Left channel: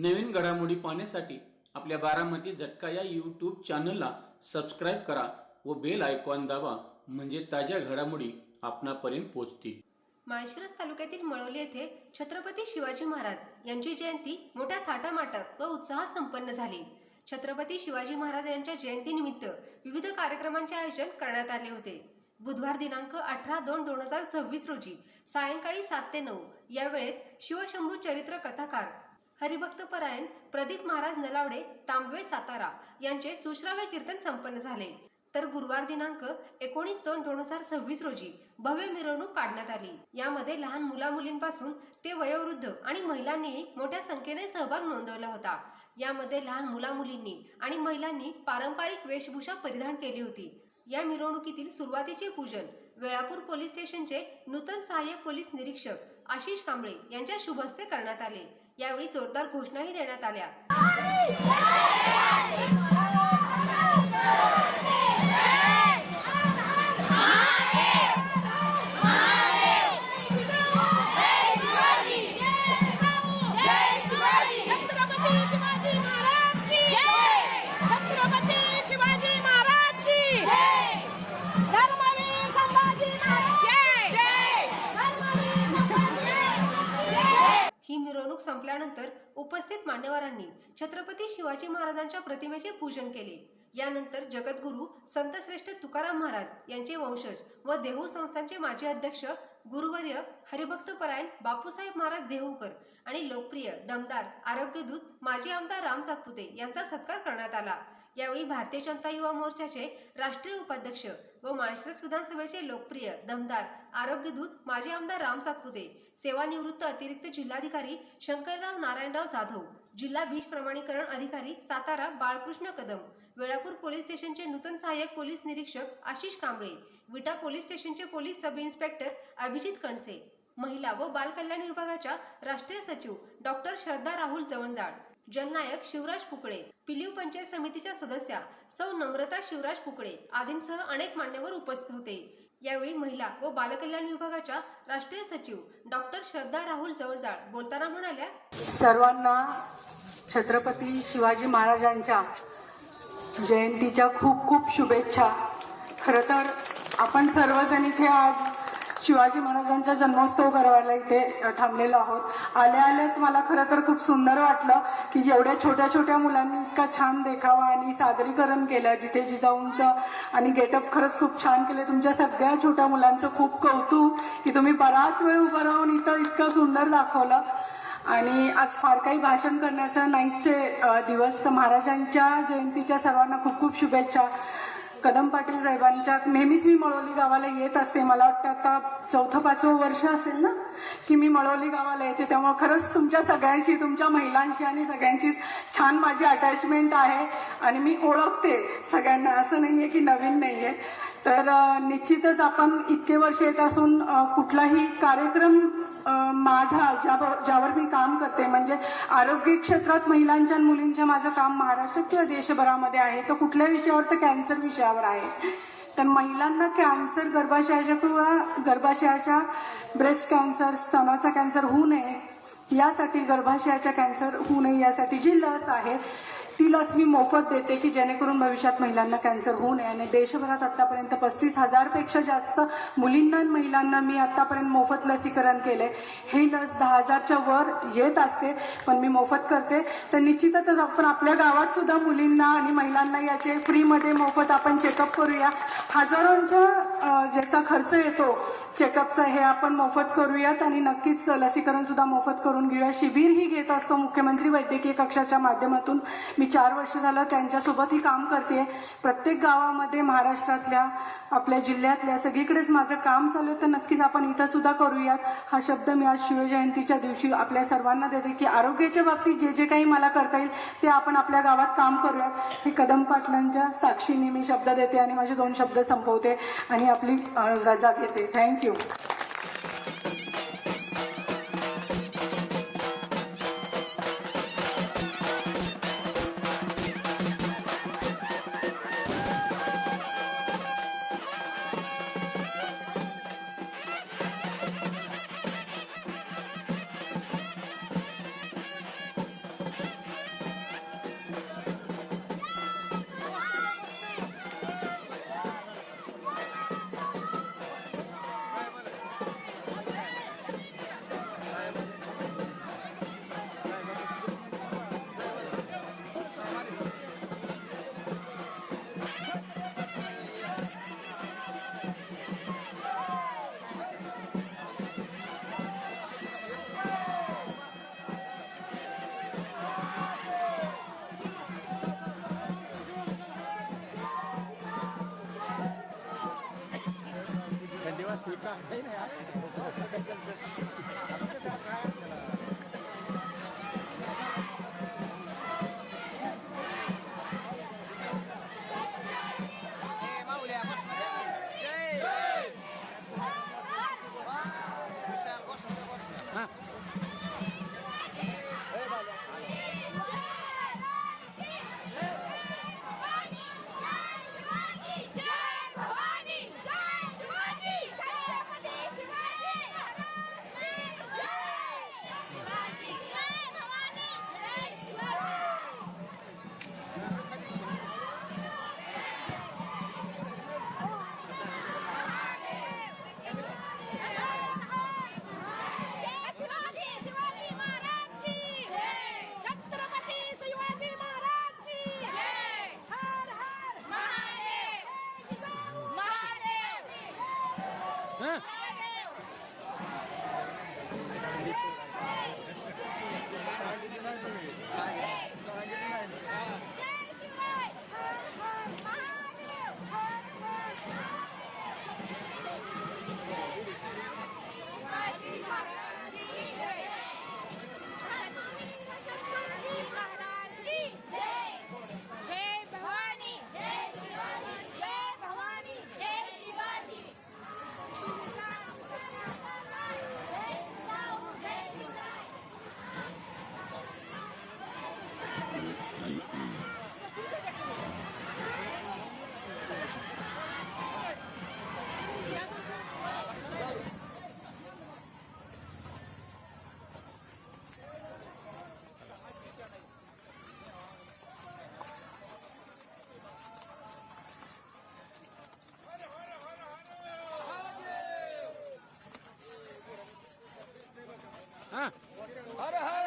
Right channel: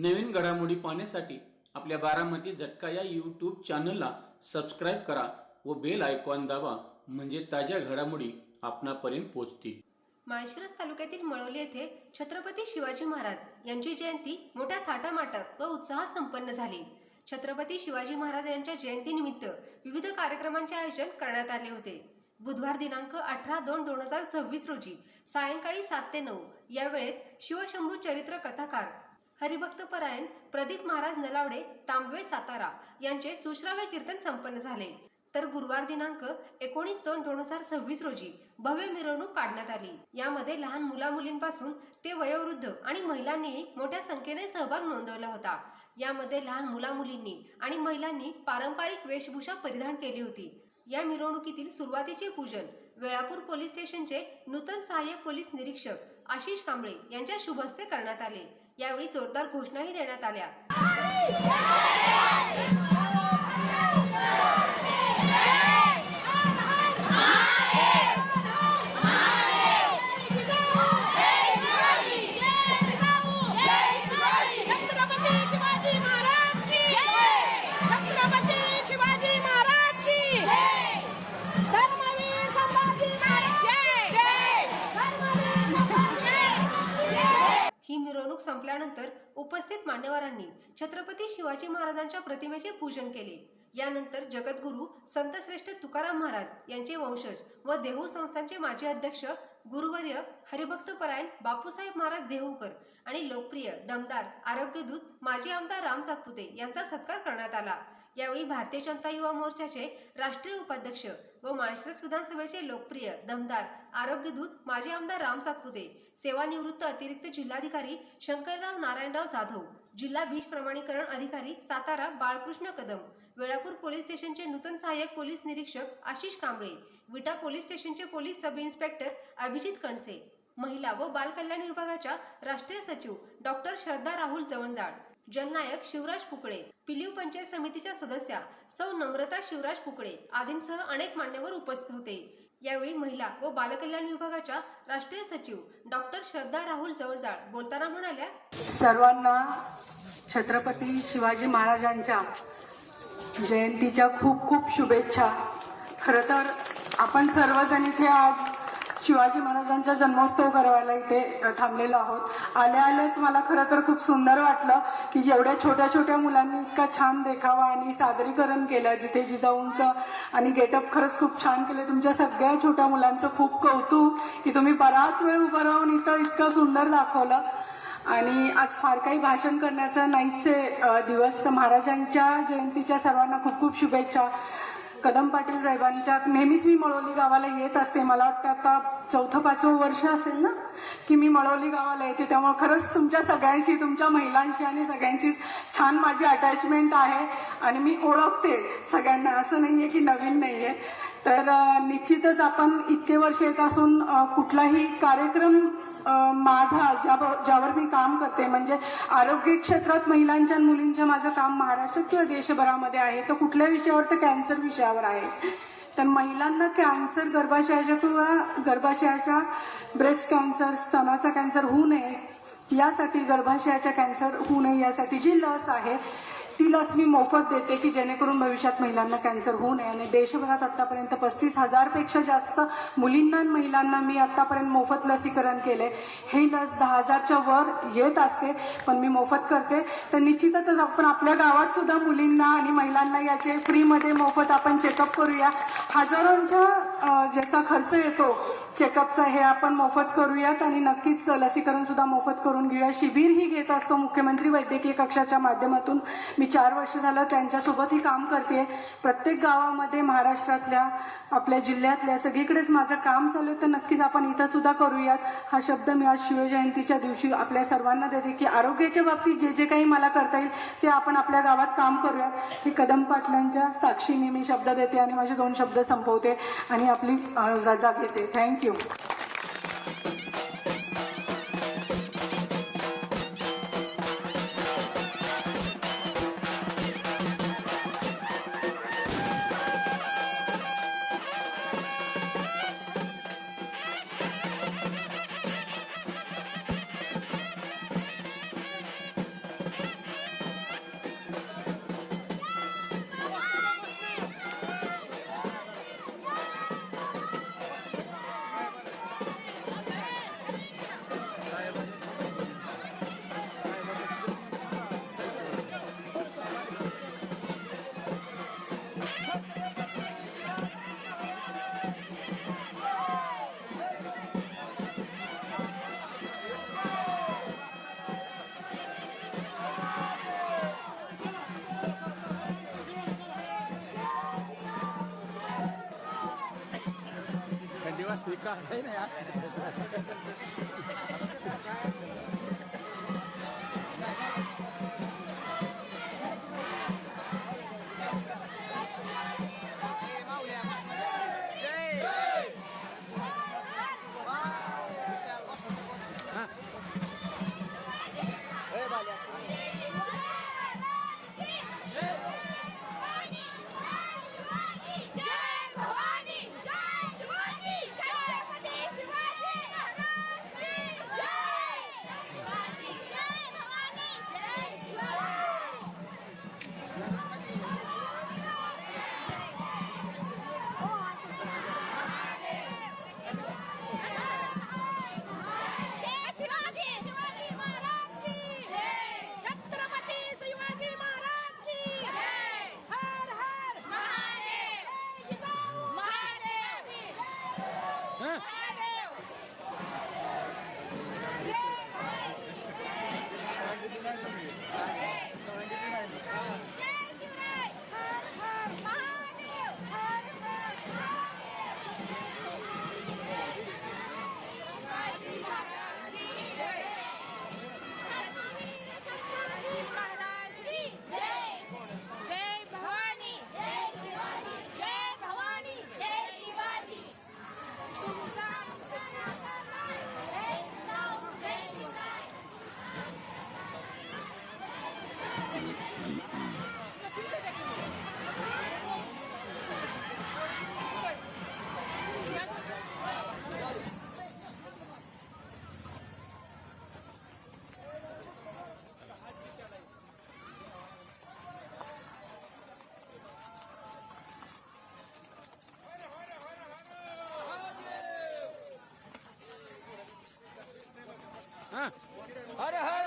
नवीन घडामोडी पाहण्यासाठी आपल्या बारामती झटका या यूट्यूब चॅनलला सबस्क्राईब करा व बेल आयकॉन दाबा, म्हणजे ताज्या घडामोडी आपणापर्यंत पोहोचतील। माळशिरस तालुक्यातील मळवली येथे छत्रपती शिवाजी महाराज यांची जयंती मोठ्या थाटामाटात व उत्साहात संपन्न झाली। छत्रपती शिवाजी महाराज यांच्या जयंतीनिमित्त विविध कार्यक्रमांचे आयोजन करण्यात आले होते। बुधवार दिनांक 18/2/2026 रोजी सायंकाळी 7 ते 9 या वेळेत शिवशंभू चरित्र कथाकार हरिभक्तपरायण प्रदीप महाराज नलावडे तांबवे सातारा यांचे सुश्राव्य कीर्तन संपन्न झाले। तर गुरुवार दिनांक 19/2/2026 रोजी भव्य मिरवणूक काढण्यात आली। यामध्ये लहान मुलामुलींपासून ते वयोवृद्ध आणि महिलांनी मोठ्या संख्येने सहभाग नोंदवला होता। यामध्ये लहान मुलामुलींनी आणि महिलांनी पारंपरिक वेशभूषा परिधान केली होती। या मिरवणुकीतील सुरुवातीचे पूजन वेळापूर पोलीस स्टेशनचे नूतन सहाय्यक पोलीस निरीक्षक आशिष कांबळे यांच्या शुभ हस्ते करण्यात आले। यावेळी जोरदार घोषणाही देण्यात आल्या। ही मिरवणूक संपल्यानंतर उपस्थित मान्यवरांनी छत्रपती शिवाजी महाराजांच्या प्रतिमेचे पूजन केले। यानंतर जगद्गुरू संतश्रेष्ठ तुकाराम महाराज यांचे वंशज व देहू संस्थानचे माजी अध्यक्ष गुरुवर्य हरिभक्तपरायण बापूसाहेब महाराज देहूकर आणि लोकप्रिय दमदार आरोग्यदूत माजी आमदार राम सातपुते यांचा सत्कार करण्यात आला। यावेळी भारतीय जनता युवा मोर्चाचे राष्ट्रीय उपाध्यक्ष व माळशिरस विधानसभेचे लोकप्रिय दमदार आरोग्यदूत माजी आमदार राम सातपुते, सेवानिवृत्त अतिरिक्त जिल्हाधिकारी शंकरराव नारायणराव जाधव, जिल्हा बीज प्रमाणीकरण अधिकारी सातारा बाळकृष्ण कदम, वेळापूर पोलीस स्टेशनचे नूतन सहाय्यक पोलीस निरीक्षक आशिष कांबळे, विटा पोलीस स्टेशनचे पोलीस सब इन्स्पेक्टर अभिजित कणसे, महिला व बाल कल्याण विभागाच्या राष्ट्रीय सचिव डॉक्टर श्रद्धा राहुल जवंजाळ, जननायक शिवराज पुकळे, पिलीव पंचायत समितीच्या सदस्या सौ नम्रता शिवराज पुकळे आदींसह अनेक मान्यवर उपस्थित होते। यावेळी महिला व बालकल्याण विभागाच्या राष्ट्रीय सचिव डॉक्टर श्रद्धा राहुल जवळजाळ बोलताना म्हणाल्या, सर्वांना छत्रपती शिवाजी महाराजांच्या जयंतीच्या खूप खूप शुभेच्छा। खरं तर आपण सर्वजण इथे आज शिवाजी महाराजांचा जन्मोत्सव करायला इथे थांबलेलो आहोत। आल्याच मला खरं तर खूप सुंदर वाटलं की एवढ्या छोट्या छोट्या मुलांनी इतका छान देखावा आणि सादरीकरण केलं, जिथे जिजाऊंचं आणि गेटअप खरंच खूप छान केले। तुमच्या सगळ्या छोट्या मुलांचं खूप कौतुक की तुम्ही बराच वेळ उभं राहून इतकं सुंदर दाखवलं। आणि आज फार काही भाषण करण्याचं नाहीचे दिवस, तर महाराजांच्या जयंतीच्या सर्वांना खूप खूप शुभेच्छा। कदम पाटील साहेबांच्या नेहमीच मी मळवली गावाला येत असते। मला वाटतं आता 4-5 वर्ष असेल ना की मी मळवली गावाला येते, त्यामुळे खरंच तुमच्या सगळ्यांशी, तुमच्या महिलांशी आणि सगळ्यांची छान माझी अटॅचमेंट आहे आणि मी ओळखते सगळ्यांना, असं नाहीये की नवीन नाहीये। तर निश्चितच आपण इतके वर्ष येत असून कुठलाही कार्यक्रम माझा ज्यावर मी काम करते, म्हणजे आरोग्य क्षेत्रात महिलांच्या आणि मुलींच्या माझं काम महाराष्ट्रात किंवा देशभरामध्ये आहे, तर कुठल्या विषयावर, तर कॅन्सर विषयावर आहे। तर महिलांना कॅन्सर, गर्भाशयाच्या किंवा गर्भाशयाच्या ब्रेस्ट कॅन्सर, स्तनाचा कॅन्सर होऊ नये यासाठी, गर्भाशयाच्या कॅन्सर होऊ नये यासाठी जी लस आहे ती लस मी मोफत देते की जेणेकरून भविष्यात महिलांना कॅन्सर होऊ नये। आणि देशभरात आतापर्यंत 35,000 पेक्षा जास्त मुलींना आणि महिलांना मी आतापर्यंत मोफत लसीकरण केले। ही लस 10,000च्या वर येत असते, पण मी मोफत करते। तर निश्चितच आपण आपल्या गावात सुद्धा मुलींना आणि महिलांना याचे फ्रीमध्ये मोफत आपण चेकअप करूया। हजारोंच्या ज्याचा खर्च येतो चेकअपचा, हे आपण मोफत करूयात आणि नक्कीच लसीकरण सुद्धा मोफत करून घेऊया। शिबिरही घेत असतो मुख्यमंत्री वैद्यकीय कक्षाच्या माध्यमातून। मी 4 वर्ष झालं त्यांच्यासोबतही काम करते। प्रत्येक गावामध्ये महाराष्ट्रातल्या, आपल्या जिल्ह्यातल्या सगळीकडेच माझं काम चालू आहे, तर नक्कीच आपण इथं सुद्धा करूयात। हा शब्द मी आज शिवजयंतीच्या दिवशी आपल्या सर्वांना देते की आरोग्याच्या बाबतीत जे जे काही मला करता येईल ते आपण आपल्या गावात काम करूयात। ही कदम पाटलांच्या साक्षीने मी शब्द देते आणि माझे 2 शब्द संपवते आणि आपली रजा घेते। थँक्यू। दिवस ठीक आहे ना यार. हा शिवाजी महाराज की छत्रपती शिवाजी महाराज की हर हर महादेव महादेव हा जय शिवराय हर हर महादेव शिवाजी महाराज की छत्रपती महाराज की जय भवानी जय शिवाजी जय भवानी जय शिवाजी हा हर हर